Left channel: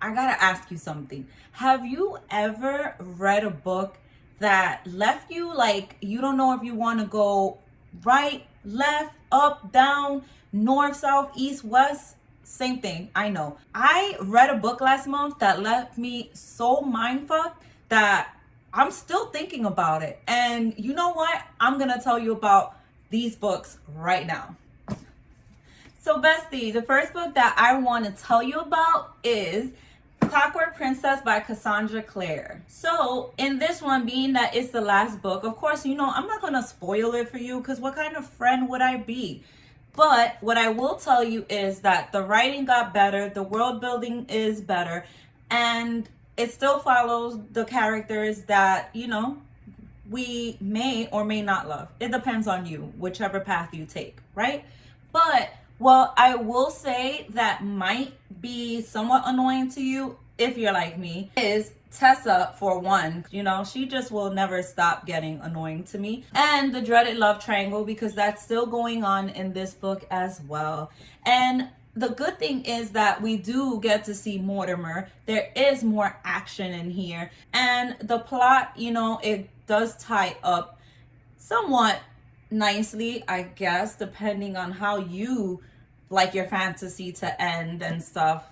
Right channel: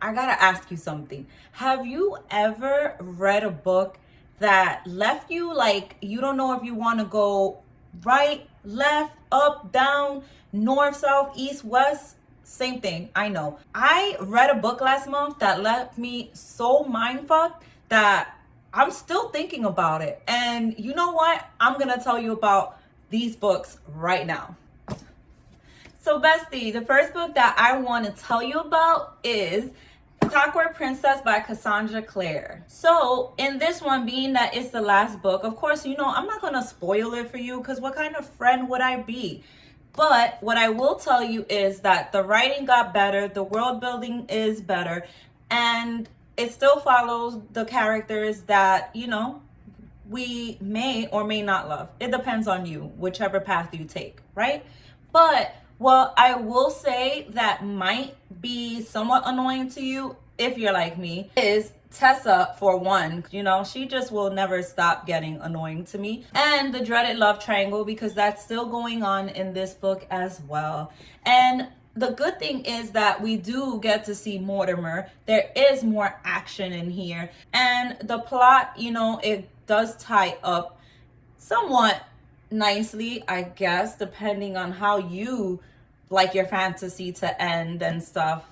I gotta ask you something. Have you ever read a book that left you like you don't know if you want to go right, left, up, down, north, south, east, west? Same thing, I know. I read a book last month that left me so mindfucked that I'm still thinking about it. And you know what? I'm gonna tell you about these books right now. So, bestie, the first book that I want to tell you about is Clockwork Princess by Cassandra Clare. So, in this one, being that it's the last book, of course, you know, I'm not going to spoil it for you because what kind of friend would I be? But what I will tell you is that the writing got better, the world building is better, and it still follows the characters that, you know, we may or may not love. It depends on you, whichever path you take, right? But well, I will say that might be somewhat annoying to you if you're like me, is Tessa, for one. You know, she just will never stop getting annoying to me. And the dreaded love triangle, because that's still going on in this book as well. And the good thing is that we do get to see Mortimer. There is more action in here. And the plot, you know, it does tie up somewhat nicely, I guess, depending on how you like your fantasy to end and stuff.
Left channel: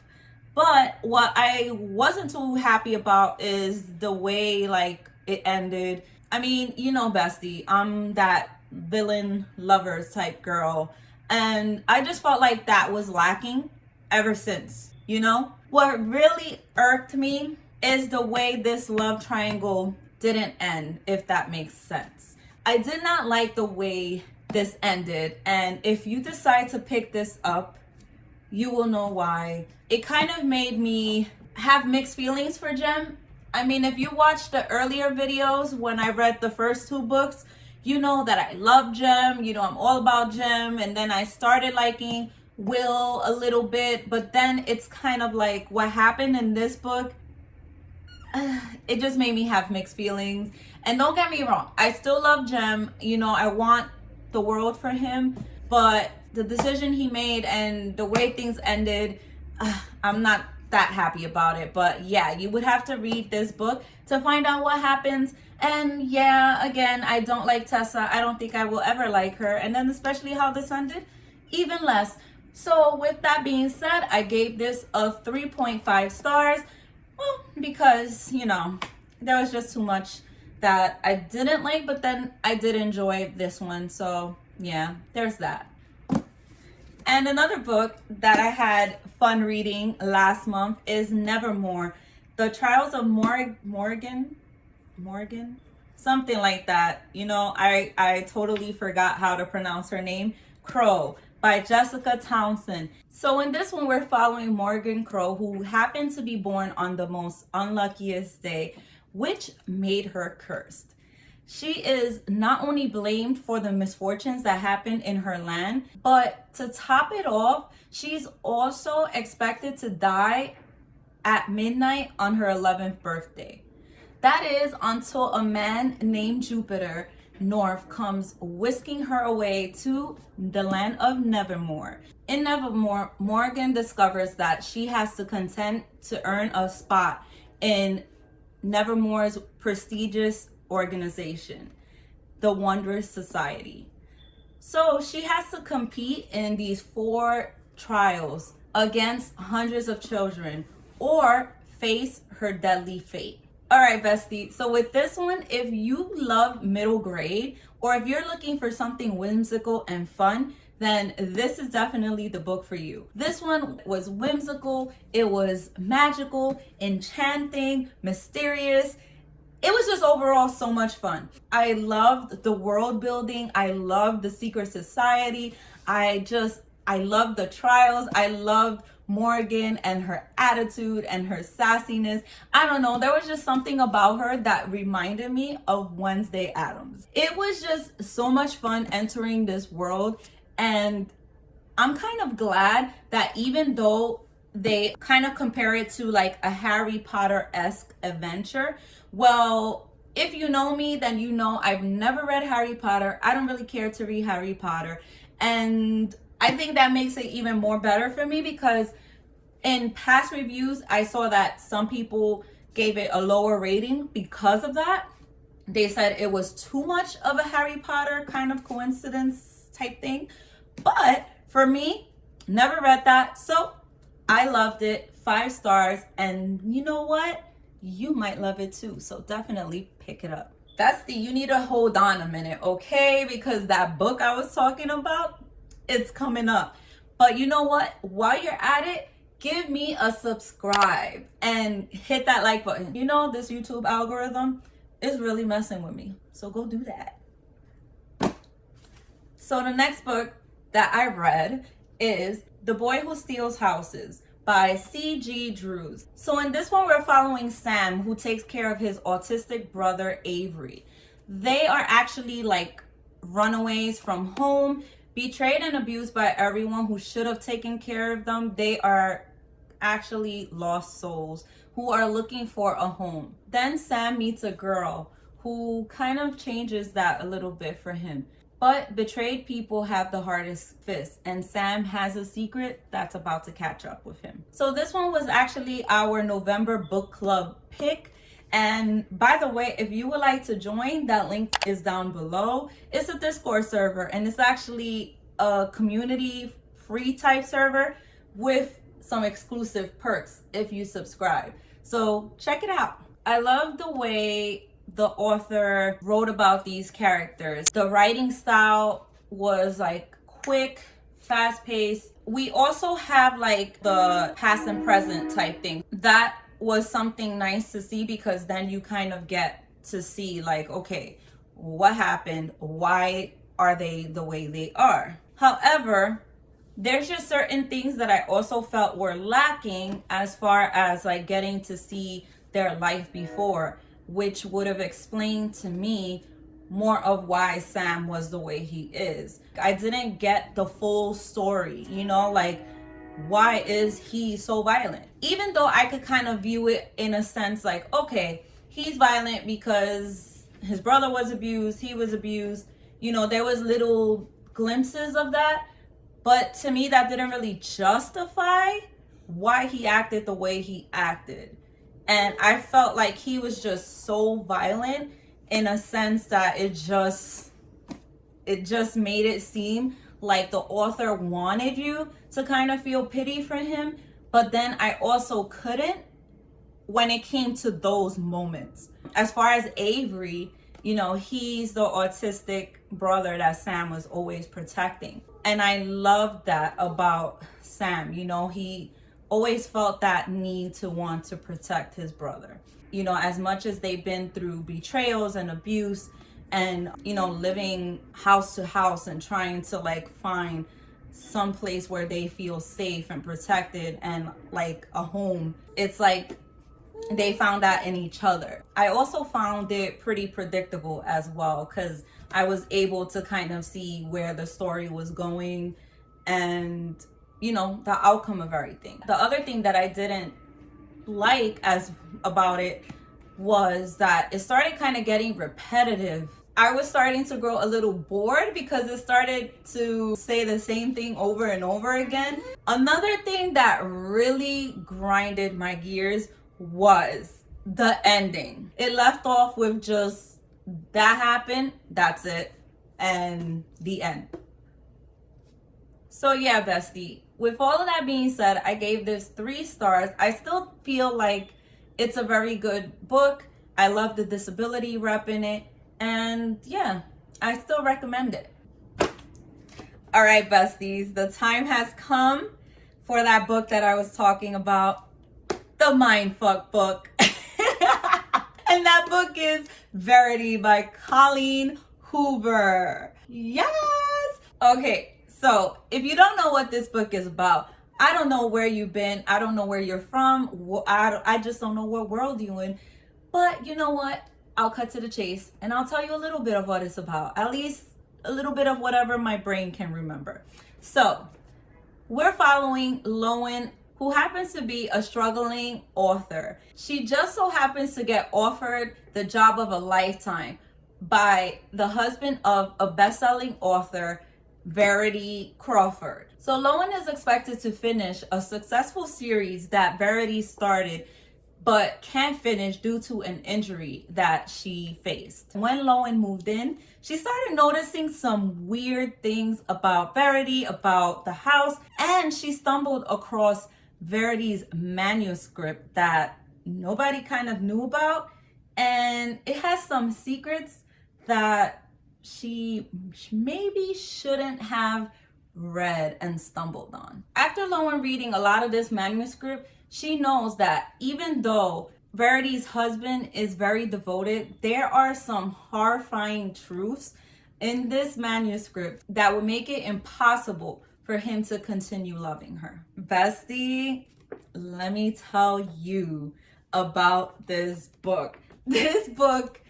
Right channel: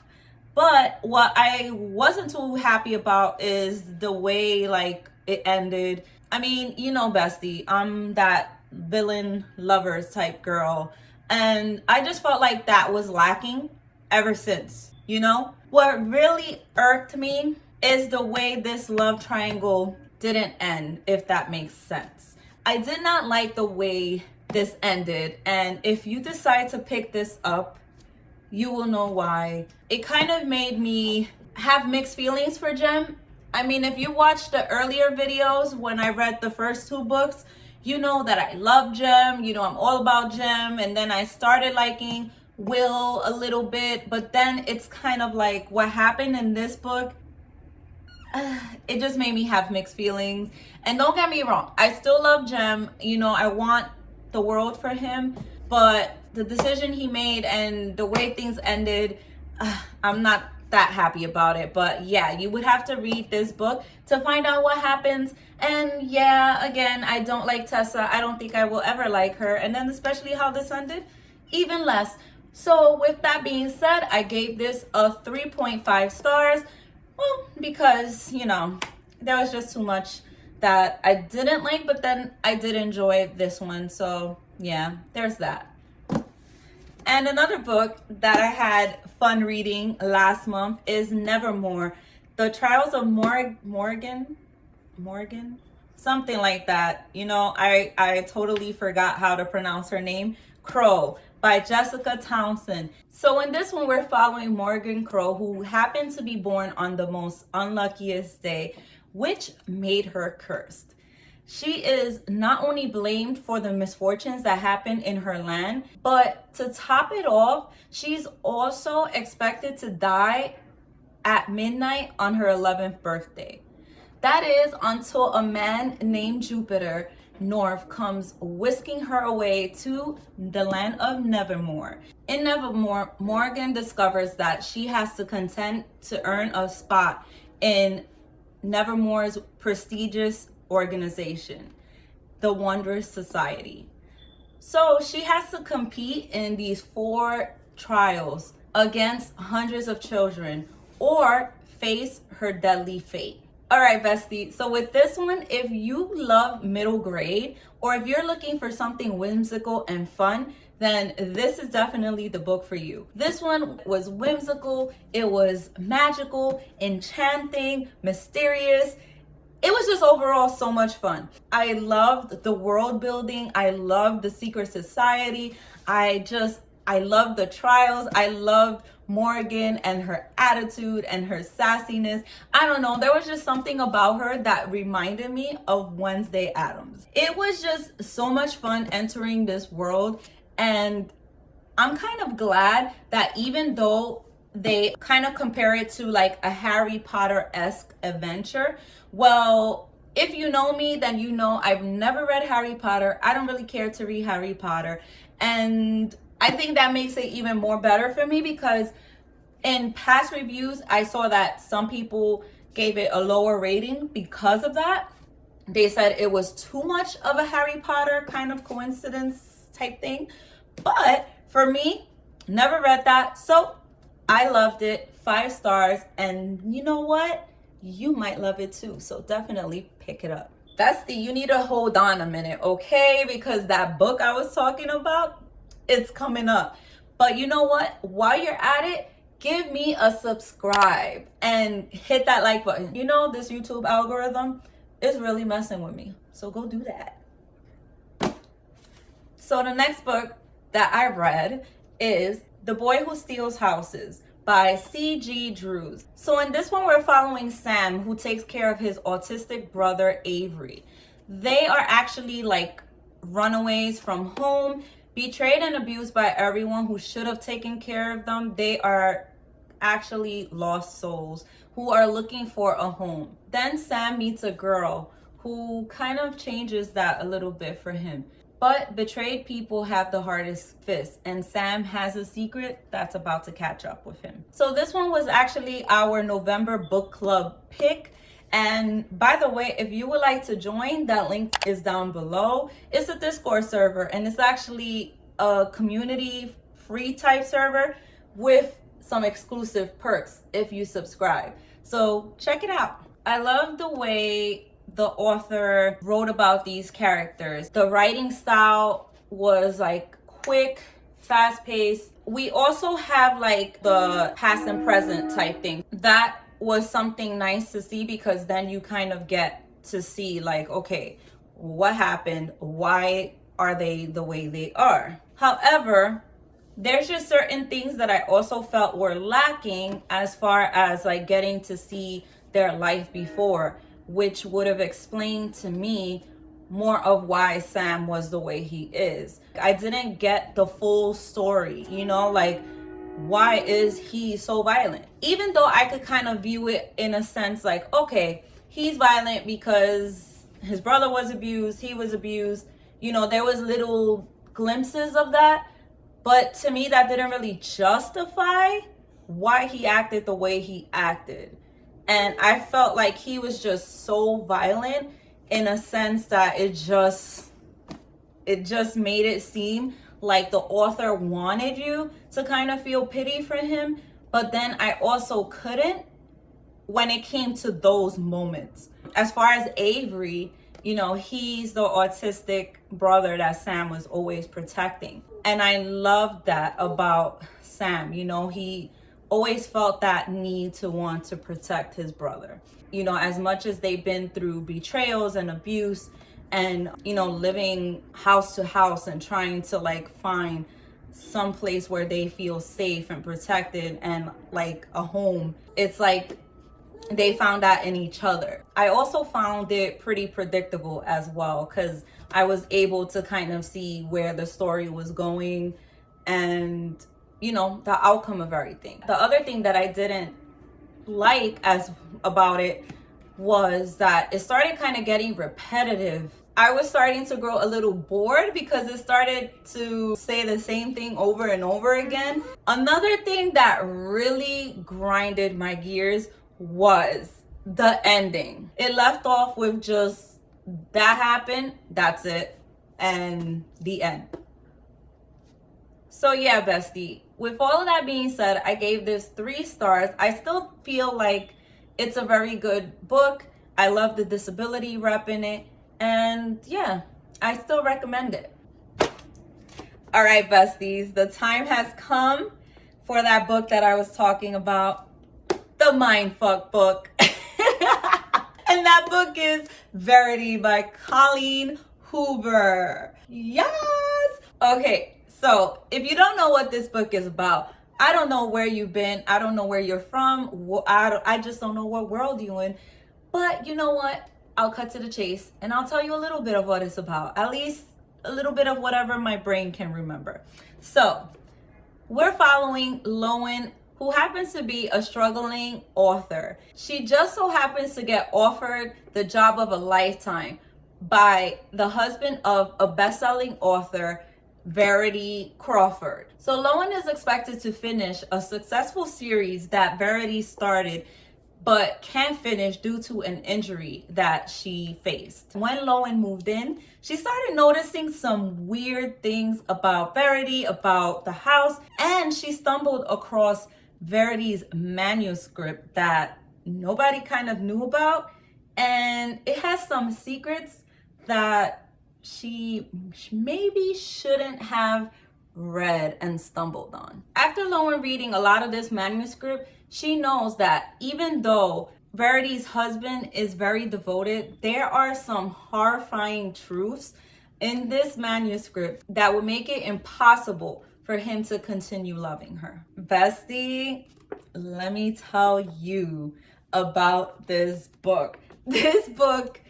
But what I wasn't too happy about is the way like it ended. I mean, you know, bestie, I'm that villain lovers type girl, and I just felt like that was lacking ever since, you know? What really irked me is the way this love triangle didn't end, if that makes sense. I did not like the way this ended, and if you decide to pick this up, you will know why. It kind of made me have mixed feelings for Jem. I mean, if you watched the earlier videos when I read the first two books, you know that I love Jem, you know I'm all about Jem, and then I started liking Will a little bit, but then it's kind of like what happened in this book, it just made me have mixed feelings. And don't get me wrong, I still love Jem, you know, I want the world for him, but the decision he made and the way things ended, I'm not that happy about it. But yeah, you would have to read this book to find out what happens. And yeah, again, I don't like Tessa. I don't think I will ever like her. And then especially how this ended, even less. So with that being said, I gave this a 3.5 stars. Well, because, you know, there was just too much that I didn't like, but then I did enjoy this one. So yeah, there's that. And another book that I had fun reading last month is Nevermore, The Trials of Morgan, something like that. You know, I totally forgot how to pronounce her name. Crow by Jessica Townsend. So in this one, we're following Morgan Crow, who happened to be born on the most unluckiest day, which made her cursed. She is not only blamed for the misfortunes that happened in her land, but to top it off, she's also expected to die at midnight on her 11th birthday. That is until a man named Jupiter North comes whisking her away to the land of Nevermore. In Nevermore, Morgan discovers that she has to contend to earn a spot in Nevermore's prestigious organization, the Wondrous Society. So she has to compete in these 4 trials against hundreds of children or face her deadly fate. All right, bestie. So with this one, if you love middle grade or if you're looking for something whimsical and fun, then this is definitely the book for you. This one was whimsical, it was magical, enchanting, mysterious. It was just overall so much fun. I loved the world building. I loved the secret society. I loved the trials. I loved Morgan and her attitude and her sassiness. I don't know. There was just something about her that reminded me of Wednesday Addams. It was just so much fun entering this world. And I'm kind of glad that even though they kind of compare it to like a Harry Potter-esque adventure, well, if you know me, then you know I've never read Harry Potter. I don't really care to read Harry Potter. And I think that makes it even more better for me because In past reviews, I saw that some people gave it a lower rating because of that. They said it was too much of a Harry Potter kind of coincidence type thing. But for me, never read that. So I loved it. 5 stars. And you know what? You might love it too. So definitely pick it up. Bestie, you need to hold on a minute, okay? Because that book I was talking about, it's coming up. But you know what? While you're at it, give me a subscribe and hit that like button. You know, this YouTube algorithm is really messing with me. So go do that. So the next book that I read is The Boy Who Steals Houses by C.G. Drews. So in this one, we're following Sam, who takes care of his autistic brother, Avery. They are actually like runaways from home, betrayed and abused by everyone who should have taken care of them. They are actually lost souls who are looking for a home. Then Sam meets a girl who kind of changes that a little bit for him. But betrayed people have the hardest fists, and Sam has a secret that's about to catch up with him. So this one was actually our November book club pick. And by the way, if you would like to join, that link is down below. It's a Discord server, and it's actually a community free type server with some exclusive perks if you subscribe. So check it out. I love the way the author wrote about these characters. The writing style was like quick, fast-paced. We also have like the past and present type thing. That was something nice to see, because then you kind of get to see like, okay, what happened? Why are they the way they are? However, there's just certain things that I also felt were lacking as far as like getting to see their life before, which would have explained to me more of why Sam was the way he is. I didn't get the full story, you know, like why is he so violent? Even though I could kind of view it in a sense like, okay, he's violent because his brother was abused, he was abused, you know, there was little glimpses of that. But to me, that didn't really justify why he acted the way he acted. And I felt like he was just so violent in a sense that it just made it seem like the author wanted you to kind of feel pity for him. But then I also couldn't when it came to those moments. As far as Avery, you know, he's the autistic brother that Sam was always protecting. And I loved that about Sam. You know, he always felt that need to want to protect his brother. You know, as much as they've been through betrayals and abuse and, you know, living house to house and trying to like find some place where they feel safe and protected and like a home, it's like they found that in each other. I also found it pretty predictable as well, because I was able to kind of see where the story was going and, you know, the outcome of everything. The other thing that I didn't like about it was that it started kind of getting repetitive. I was starting to grow a little bored because it started to say the same thing over and over again. Another thing that really grinded my gears was the ending. It left off with just that happened, that's it, and the end. So yeah, bestie, with all of that being said, I gave this 3 stars. I still feel like it's a very good book. I love the disability rep in it. And yeah, I still recommend it. All right, besties, the time has come for that book that I was talking about, the Mindfuck book. And that book is Verity by Colleen Hoover. Yes! Okay, so if you don't know what this book is about, I don't know where you've been. I don't know where you're from. I just don't know what world you're in. But you know what? I'll cut to the chase and I'll tell you a little bit of what it's about. At least a little bit of whatever my brain can remember. So we're following Lowen, who happens to be a struggling author. She just so happens to get offered the job of a lifetime by the husband of a best-selling author, Verity Crawford. So Lowen is expected to finish a successful series that Verity started but can't finish due to an injury that she faced. When Lowen moved in, she started noticing some weird things about Verity, about the house, and she stumbled across Verity's manuscript that nobody kind of knew about, and it has some secrets that she maybe shouldn't have read and stumbled on. After Lowen reading a lot of this manuscript, she knows that even though Verity's husband is very devoted, there are some horrifying truths in this manuscript that would make it impossible for him to continue loving her. Bestie, let me tell you about this book. This book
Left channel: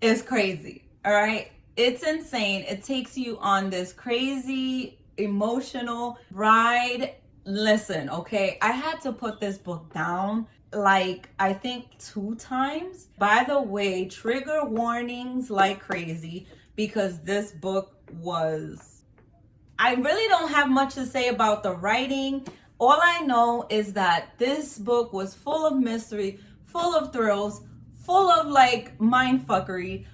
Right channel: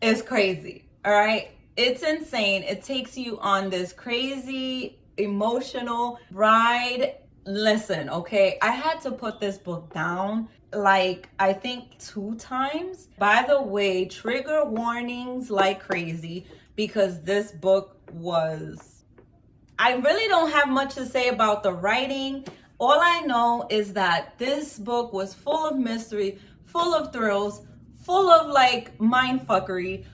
is crazy, all right? It's insane. It takes you on this crazy emotional ride. Listen, okay, I had to put this book down like I think 2 times. By the way, trigger warnings like crazy, because this book was, I really don't have much to say about the writing. All I know is that this book was full of mystery, full of thrills, full of like mind fuckery,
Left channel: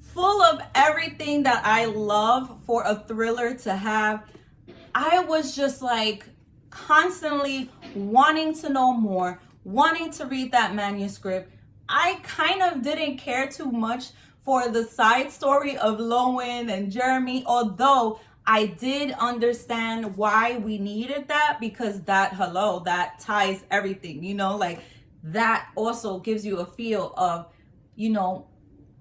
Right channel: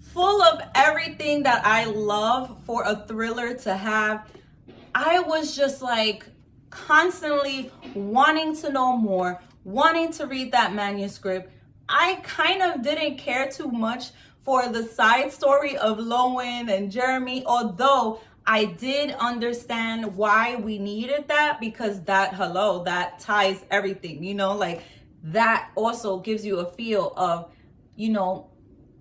full of everything that I love for a thriller to have. I was just like constantly wanting to know more, wanting to read that manuscript. I kind of didn't care too much for the side story of Lowen and Jeremy, although I did understand why we needed that, because that ties everything, you know, like that also gives you a feel of, you know,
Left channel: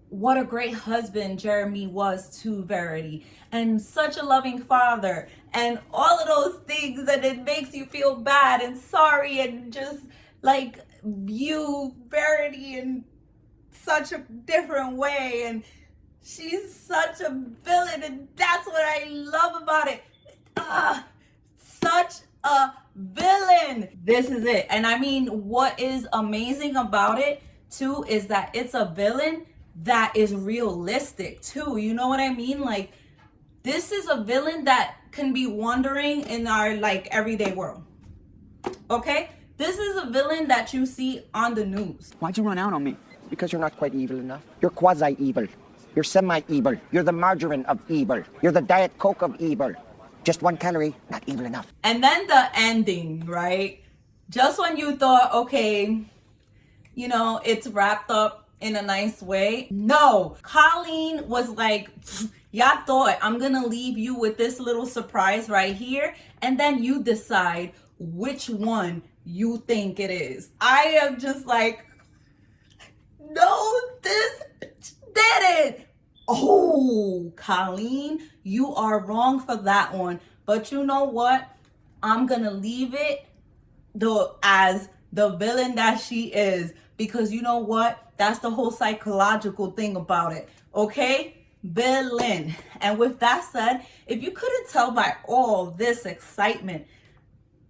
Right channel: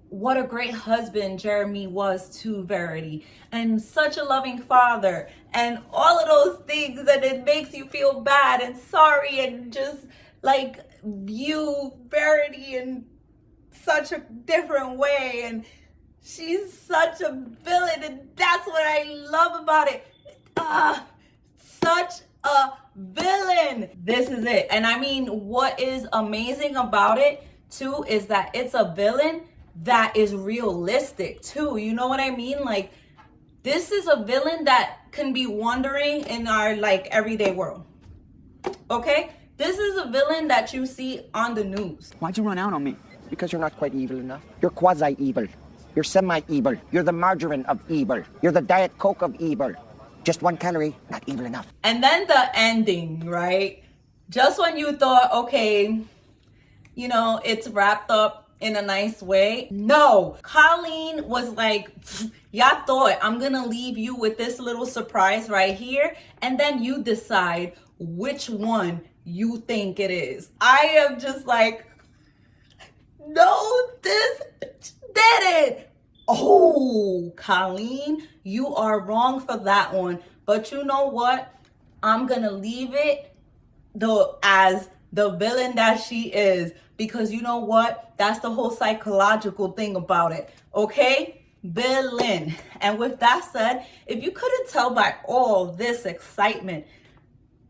what a great husband Jeremy was to Verity, and such a loving father, and all of those things, and it makes you feel bad and sorry and just like view Verity in such a different way, and she's such a villain, and that's what I love about it. Such a villain. This is it. And I mean, what is amazing about it too is that it's a villain that is realistic too. You know what I mean? Like, this is a villain that can be wandering in our like everyday world. Okay? This is a villain that you see on the news. Why'd you run out on me? Because you're not quite evil enough. You're quasi-evil. You're semi-evil. You're the margarine of evil. You're the Diet Coke of evil. Just 1 calorie, not evil enough. And then the ending, right? Just when you thought, okay, you know, it's wrapped up in a nice way. No, Colleen was like, y'all thought I'm gonna leave you with this little surprise right here, and then you decide which one you think it is. I am just like, no, this did it. Oh, Colleen, you are wrong for that one. But you know what? I'm gonna leave it as the villain that she is, because you know what? That's the whole psychological thing about it. Okay? Villain. And with that said, if you couldn't tell by all this excitement,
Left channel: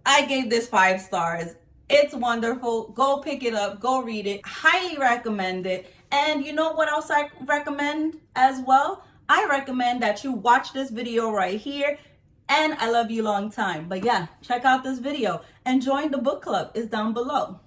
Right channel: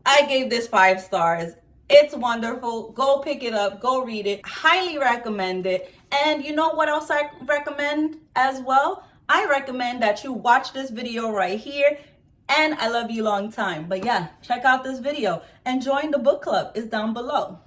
I gave this 5 stars. It's wonderful. Go pick it up. Go read it. Highly recommend it. And you know what else I recommend as well? I recommend that you watch this video right here. And I love you long time. But yeah, check out this video and join the book club. It's down below.